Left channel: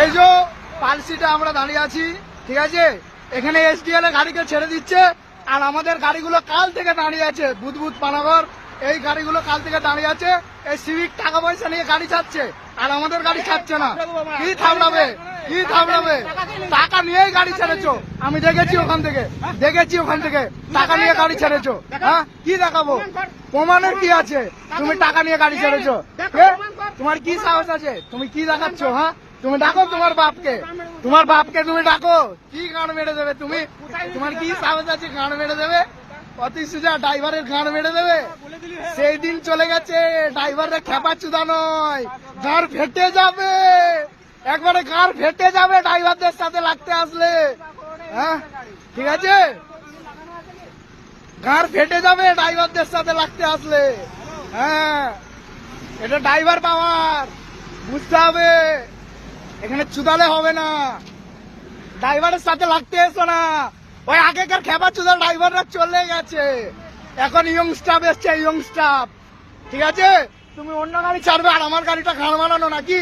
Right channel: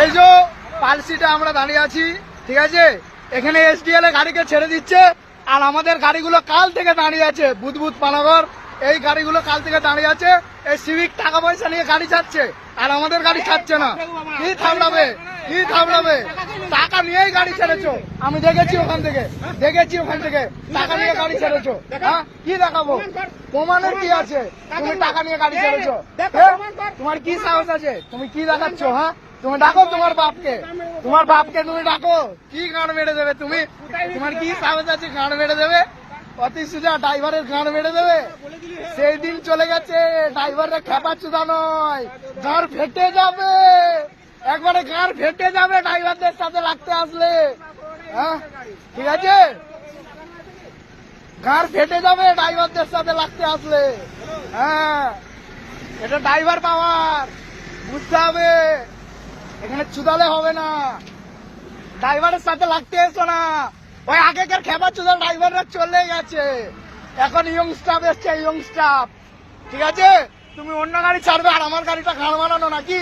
এই যে পালসিটা আমরা দাঁড়িয়ে আছি, ঠিক আছে, এখানে এসডিএল এ গাড়িকে ছেড়ে দিচ্ছে আর আমাদের গাড়িগুলো কাল থেকে দাঁড়িয়ে আছে। বুধবুধ পানাগড় এই গাড়িগুলো কাল থেকে দাঁড়িয়ে আছে। এই সিভিক টাকা পয়সা নিয়ে গাড়ি ছাড়ছে আর আমাদের গাড়ি ছাড়ছে না। কি থামড়াবে, কি থামড়াবে? টাকা নিয়েই গাড়ি ছেড়েছো, আমি দেখেছি ওখান থেকে, টাকা নিয়ে গাড়ি ছেড়েছো। হ্যাঁ, কি দেখাবো? প্রমাণের কি আছে? তুমি টাকা নিয়ে গাড়ি ছেড়েছো, তোমার কি সাহস আছে? তুমি কি দেখাচ্ছ? হ্যাঁ, তুমি ডাকো তোমার বাপকে তুমি ডাকো, কি গান মেরে দেবে তুমি? তোমার কি সাহস আছে গান মেরে দেবে? অতি সোজা ড্রাইভারের গান মেরে দেবে। সেই দিন চলে গেছে, ড্রাইভারের খেপাচুদা নয়, গাড় ফেটে যাবে, একবারে গাড় ফেটে যাবে ড্রাইভারদের সাথে লাগতে আসলে। হ্যাঁ, ঠিক আছে, গাড় ফেটে যাবে ড্রাইভারদের সাথে লাগতে আসলে। হ্যাঁ, এটা ড্রাইভার পাওয়ার, বুঝতে হবে। এখানে চুদালে হবে না, ড্রাইভারের সাথে লাগতে এসো না। ওই আগেকার খেপা চুদার ড্রাইভাররা চলে গেছে, এখন ইয়ং স্টাফ এসছে, ইয়ং স্টাফ। ঠিক আছে, তুমি অন্য গাড়ি ছাড়বে আর আমার গাড়িটা ঘাড় মারানো নাকি?